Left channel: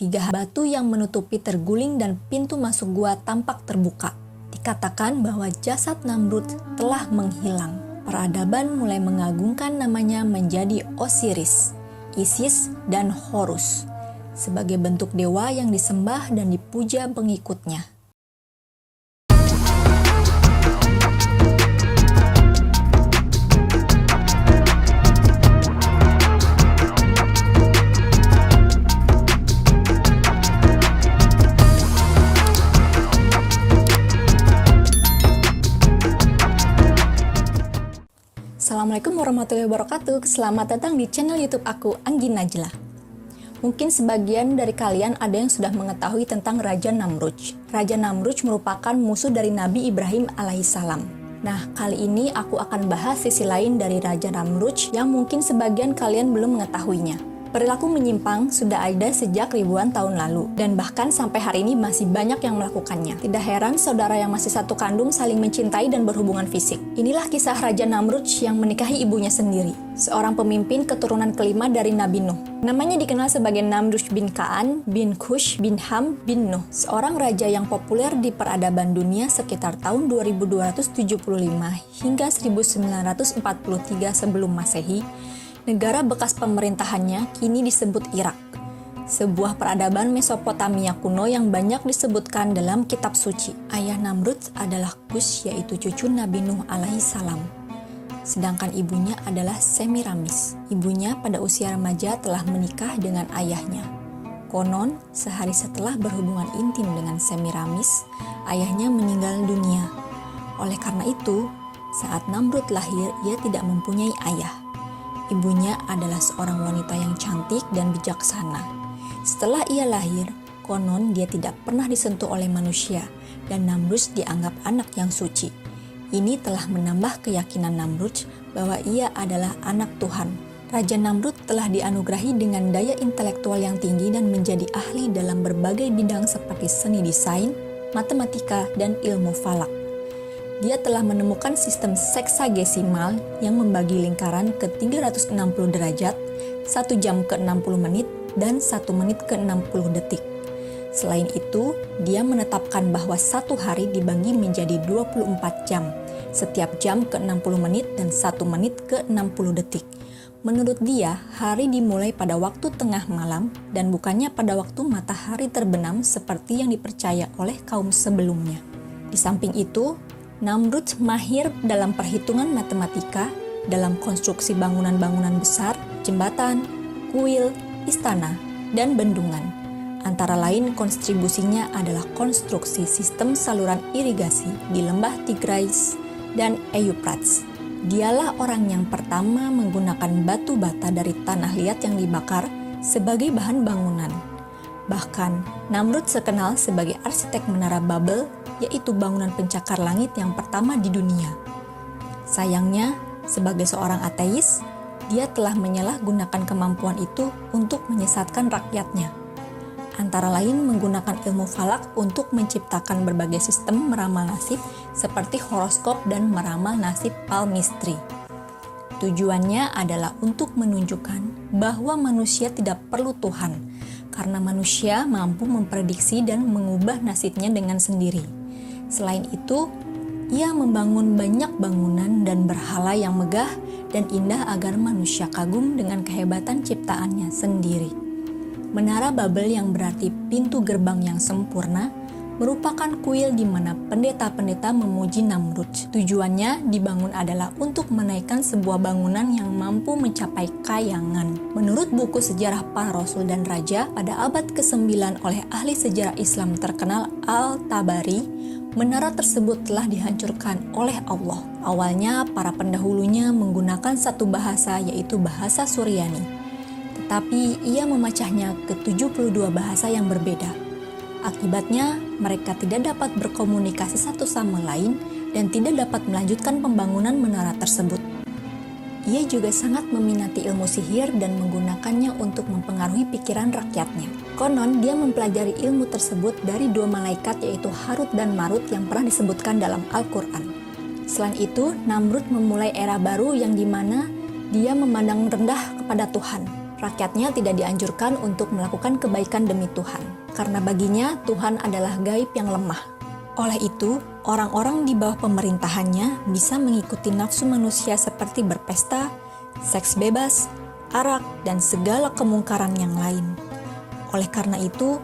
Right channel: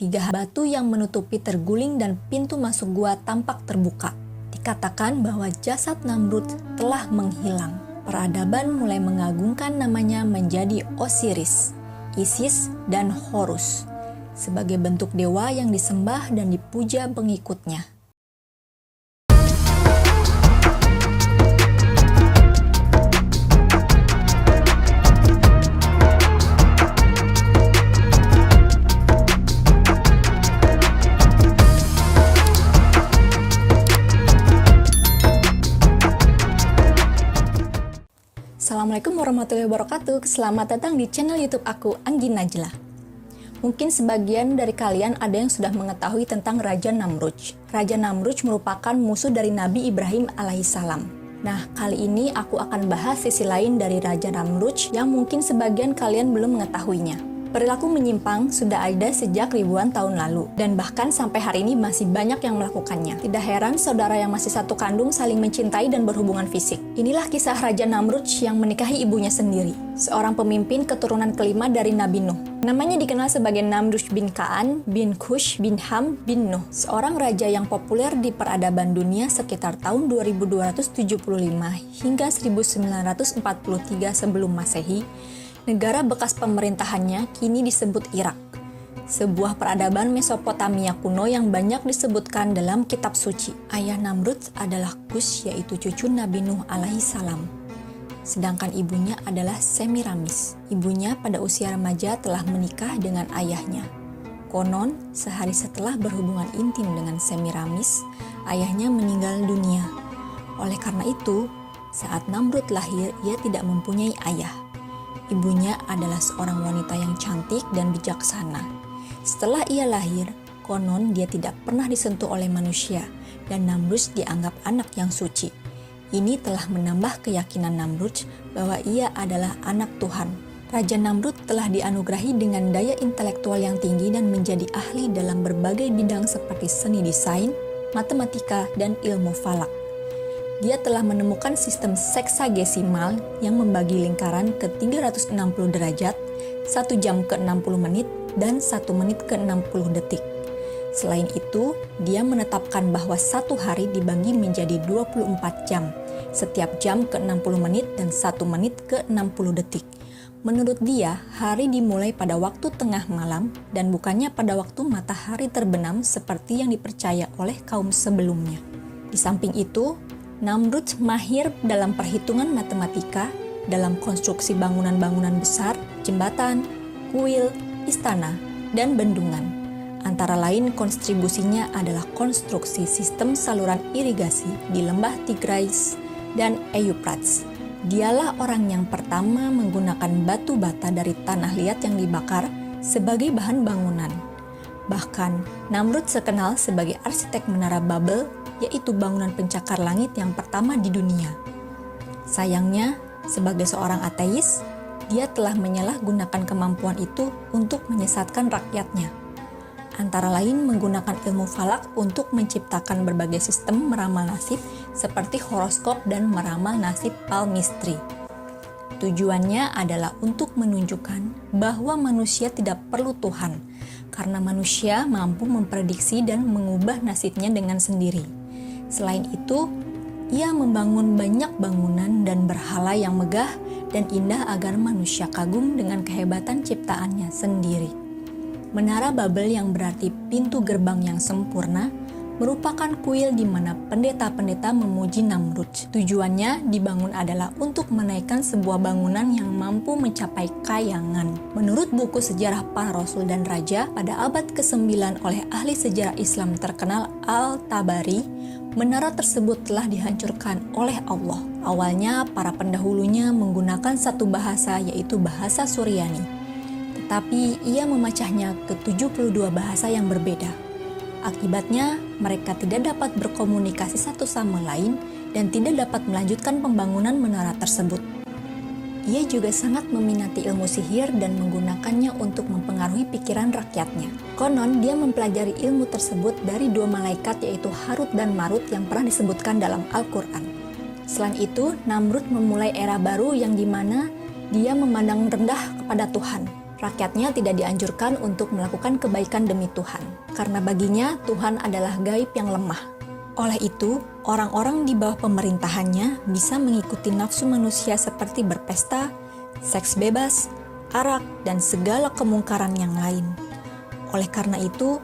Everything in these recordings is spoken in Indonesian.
3 batu yang menutupi terguling dan pintu masuk gua tampak terbuka. Dikatakan bahwa jasad Namrud telah menghilang. Peradaban mulai mengagungkan namanya menjadi Osiris, Isis, dan Horus sebagai bentuk dewa yang disembah dan dipuja pengikutnya. Assalamualaikum warahmatullahi wabarakatuh. Selamat datang di channel YouTube aku, Anggi Najla. Mungkin sebagian dari kalian ada yang sudah mengetahui tentang Raja Namrudz. Raja Namrudz merupakan musuh dari Nabi Ibrahim alaihissalam. Nah, kali ini aku akan bahas sisi lain dari Raja Namrudz yang mungkin sebagian kalian belum mengetahuinya. Perilaku menyimpang sudah ada sejak ribuan tahun lalu, dan bahkan sampai hari ini masih banyak yang melakukannya. Tidak heran saudara yang masih satu kandung saling mencintai dan berhubungan fisik. Inilah kisah Raja Namrudz yang menikahi ibunya sendiri, seorang pemimpin keturunan kelima dari Nabi Nuh. Namanya dikenal sebagai Namrudz bin Kaan, bin Kush, bin Ham, bin Nuh, seorang raja yang populer di peradaban dunia sekitar tahun 2275 hingga 1943 sebelum Masehi. Negara bekas pemerintahannya kini disebut Irak, sebuah peradaban Mesopotamia kuno yang banyak disebutkan dalam kitab suci. Ayah Namrudz adalah Kush, yaitu cucu Nabi Nuh alaihissalam. Sedangkan ibunya adalah Semiramis. Ibunya pada usia remaja telah menikah dengan ayahnya. Konon, sehari setelah berhubungan intim dengan Semiramis, ayahnya meninggal dunia. Oleh karena itu, saat Namrudz lahir, ia tidak mempunyai ayah. Ibunya adalah seorang wanita yang cantik dan bijaksana. Setelah ia lahir, konon dia tidak pernah disentuh oleh manusia, dan Namrudz dianggap anak yang suci. Ini telah menambah keyakinan Namrudz bahwa ia adalah anak Tuhan. Raja Namrudz telah dianugerahi dengan daya intelektual yang tinggi dan menjadi ahli dalam berbagai bidang seperti seni desain, matematika, dan ilmu falak. Dia telah menemukan sistem seksagesimal yang membagi lingkaran ke 360 derajat, 1 jam ke 60 menit, dan 1 menit ke 60 detik. Selain itu, dia menetapkan bahwa satu hari dibagi menjadi 24 jam, setiap jam ke 60 menit dan 1 menit ke 60 detik. Menurut dia, hari dimulai pada waktu tengah malam dan bukannya pada waktu matahari terbenam seperti yang dipercaya oleh kaum sebelumnya. Di samping itu, Namrudz mahir dalam perhitungan matematika, dalam konstruksi bangunan-bangunan besar, jembatan, kuil, istana, dan bendungan. Antara lain kontribusinya adalah konstruksi sistem saluran irigasi di lembah Tigris dan Euphrates. Dialah orang yang pertama menggunakan batu bata dari tanah liat yang dibakar sebagai bahan bangunan. Bahkan, Namrudz terkenal sebagai arsitek menara Babel, yaitu bangunan pencakar langit yang pertama di dunia. Sayangnya, sebagai seorang ateis, dia telah menyalahgunakan kemampuan itu untuk menyesatkan rakyatnya. Antara lain menggunakan ilmu falak untuk menciptakan berbagai sistem meramal nasib seperti horoskop dan meramal nasib palmistri. Tujuannya adalah untuk menunjukkan bahwa manusia tidak perlu Tuhan, karena manusia mampu memprediksi dan mengubah nasibnya dengan sendiri. Selain itu, ia membangun banyak bangunan dan berhala yang megah dan indah agar manusia kagum dengan kehebatan ciptaannya sendiri. Menara Babel yang berarti pintu gerbang yang sempurna merupakan kuil di mana pendeta-pendeta memuji Namrudz. Tujuannya dibangun adalah untuk menaikkan sebuah bangunan yang mampu mencapai kayangan. Menurut buku sejarah para rasul dan raja pada abad ke-9 oleh ahli sejarah Islam terkenal Al-Tabari, menara tersebut telah dihancurkan oleh Allah. Awalnya para pendahulunya menggunakan satu bahasa, yaitu bahasa Suryani. Tetapi ia memecahnya ke 72 bahasa yang berbeda. Akibatnya, mereka tidak dapat berkomunikasi satu sama lain dan tidak dapat melanjutkan pembangunan menara tersebut. Ia juga sangat meminati ilmu sihir dan menggunakannya untuk mempengaruhi pikiran rakyatnya. Konon, dia mempelajari ilmu tersebut dari 2 malaikat, yaitu Harut dan Marut yang pernah disebutkan dalam Al-Quran. Selain itu, Namrudz memulai era baru yang dimana dia memandang rendah kepada Tuhan. Rakyatnya tidak dianjurkan untuk melakukan kebaikan demi Tuhan, karena baginya Tuhan adalah gaib yang lemah. Oleh itu, orang-orang di bawah pemerintahannya bisa mengikuti nafsu manusia seperti berpesta, seks bebas, arak, dan segala kemungkaran yang lain. Oleh karena itu,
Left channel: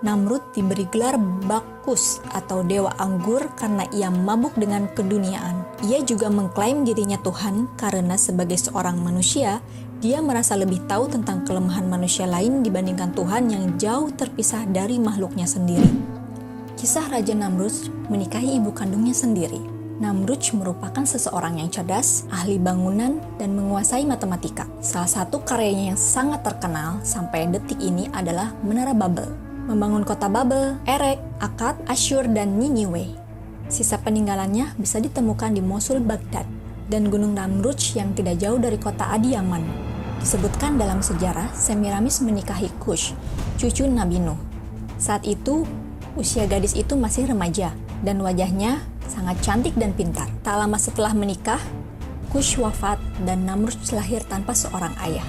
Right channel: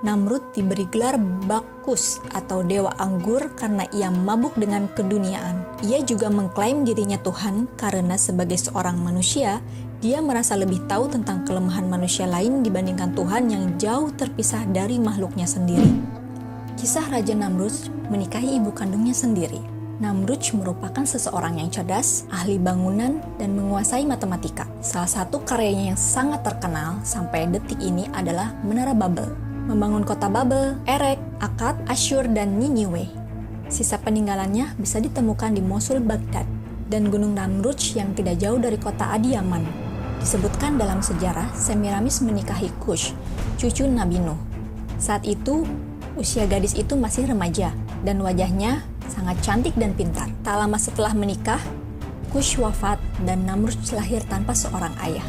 Namrud diberi gelar Bacchus atau dewa anggur karena ia mabuk dengan keduniaan. Ia juga mengklaim dirinya Tuhan karena sebagai seorang manusia, dia merasa lebih tahu tentang kelemahan manusia lain dibandingkan Tuhan yang jauh terpisah dari makhluknya sendiri. Kisah Raja Namrud menikahi ibu kandungnya sendiri. Namrud merupakan seseorang yang cerdas, ahli bangunan, dan menguasai matematika. Salah satu karyanya yang sangat terkenal sampai detik ini adalah Menara Babel. Membangun kota Babel, Erek, Akkad, Asyur, dan Niniwe. Sisa peninggalannya bisa ditemukan di Mosul, Baghdad, dan Gunung Namrud yang tidak jauh dari kota Adiyaman. Disebutkan dalam sejarah, Semiramis menikahi Kush, cucu Nabi Nuh. Saat itu, usia gadis itu masih remaja, dan wajahnya sangat cantik dan pintar. Tak lama setelah menikah, Kush wafat dan Namrud lahir tanpa seorang ayah.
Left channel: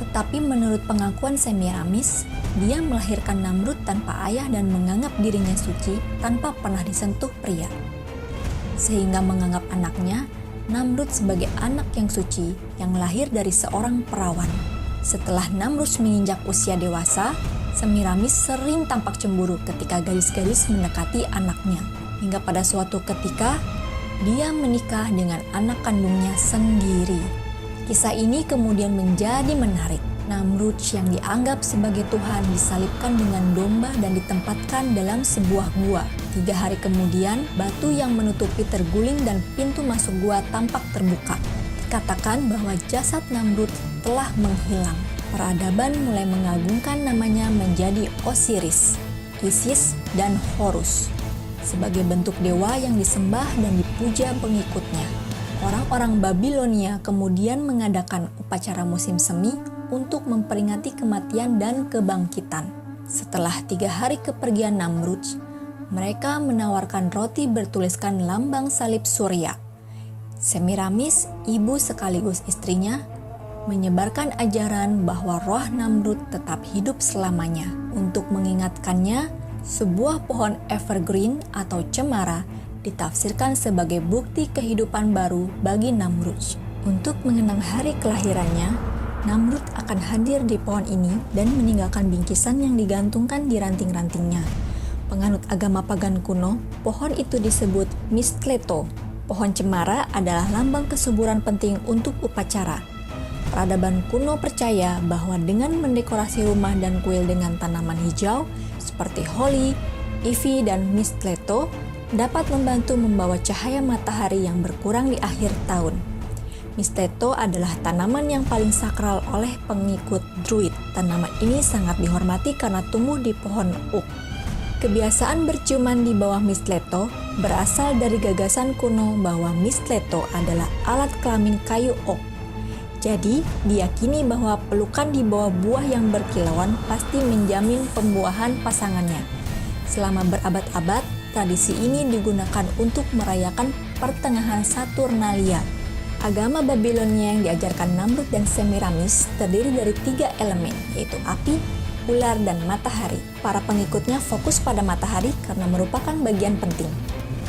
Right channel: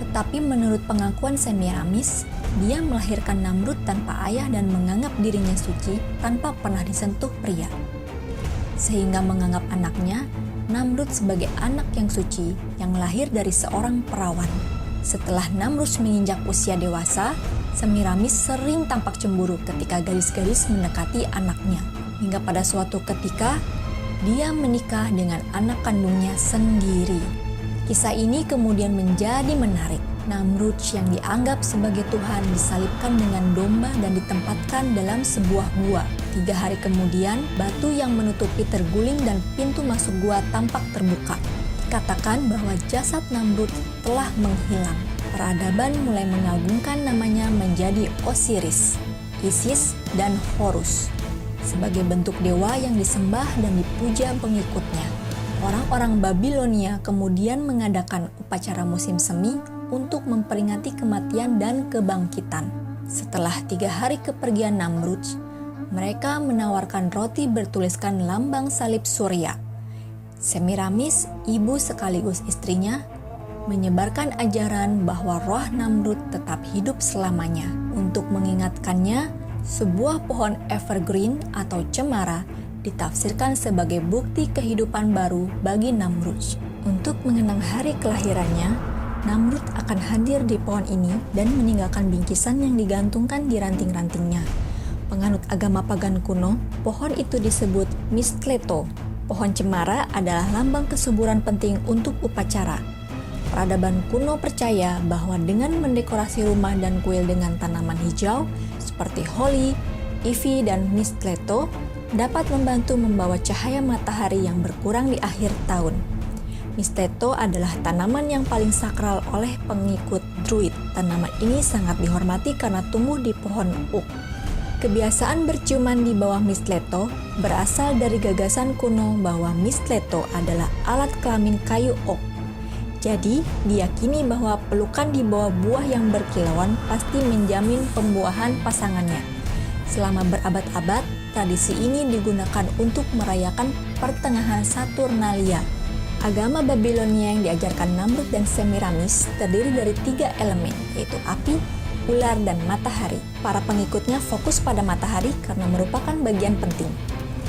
Tetapi menurut pengakuan Semiramis, dia melahirkan Namrud tanpa ayah dan menganggap dirinya suci tanpa pernah disentuh pria. Sehingga menganggap anaknya, Namrud sebagai anak yang suci yang lahir dari seorang perawan. Setelah Namrud menginjak usia dewasa, Semiramis sering tampak cemburu ketika gadis-gadis mendekati anaknya. Hingga pada suatu ketika, dia menikah dengan anak kandungnya sendiri. Kisah ini kemudian menjadi menarik. Namrud yang dianggap sebagai Tuhan disalibkan dengan domba dan ditempatkan dalam sebuah gua. 3 hari kemudian, batu yang menutupi terguling dan pintu masuk gua tampak terbuka. Dikatakan bahwa jasad Namrud telah menghilang. Peradaban mulai mengagungkan namanya menjadi Osiris, Isis, dan Horus sebagai bentuk dewa yang disembah dan dipuja pengikutnya. Orang-orang Babilonia kemudian mengadakan upacara musim semi untuk memperingati kematian dan kebangkitan. Setelah 3 hari kepergian Namrud, mereka menawarkan roti bertuliskan lambang salib Surya. Semiramis, ibu sekaligus istrinya, menyebarkan ajaran bahwa roh Namrud tetap hidup selamanya. Untuk mengingatkannya, sebuah pohon evergreen atau cemara ditafsirkan sebagai bukti kehidupan baru bagi Namrud. Untuk mengenang hari kelahirannya, Namrud akan hadir di pohon ini dan meninggalkan bingkisan yang digantungkan di ranting-rantingnya. Penganut agama pagan kuno, pohon itu disebut Mistleto. Pohon cemara adalah lambang kesuburan penting untuk upacara. Peradaban kuno percaya bahwa dengan mendekorasi rumah dan kuil dengan tanaman hijau seperti holly, ivy, dan mistleto dapat membantu membawa cahaya matahari yang berkurang di akhir tahun. Mistleto adalah tanaman yang paling sakral oleh pengikut Druid. Tanaman ini sangat dihormati karena tumbuh di pohon oak. Kebiasaan berciuman di bawah mistleto berasal dari gagasan kuno bahwa mistleto adalah alat kelamin kayu oak. Jadi, diyakini bahwa pelukan di bawah buah yang berkilauan pasti menjamin pembuahan pasangannya. Selama berabad-abad, tradisi ini digunakan untuk merayakan pertengahan Saturnalia. Agama Babilonia yang diajarkan Namrud dan Semiramis terdiri dari 3 elemen, yaitu api, ular, dan matahari. Para pengikutnya fokus pada matahari karena merupakan bagian penting.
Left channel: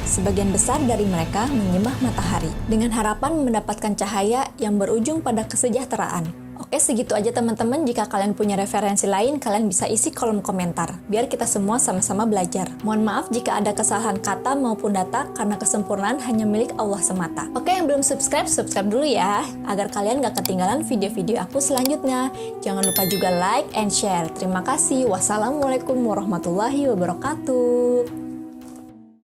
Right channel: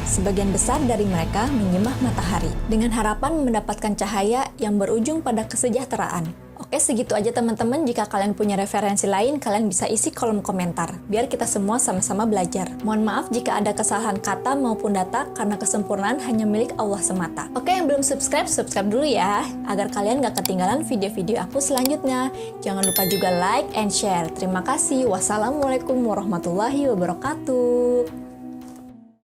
Sebagian besar dari mereka menyembah matahari dengan harapan mendapatkan cahaya yang berujung pada kesejahteraan. Oke, segitu aja teman-teman. Jika kalian punya referensi lain, kalian bisa isi kolom komentar, biar kita semua sama-sama belajar. Mohon maaf jika ada kesalahan kata maupun data, karena kesempurnaan hanya milik Allah semata. Oke, yang belum subscribe dulu ya, agar kalian gak ketinggalan video-video aku selanjutnya. Jangan lupa juga like and share. Terima kasih. Wassalamualaikum warahmatullahi wabarakatuh.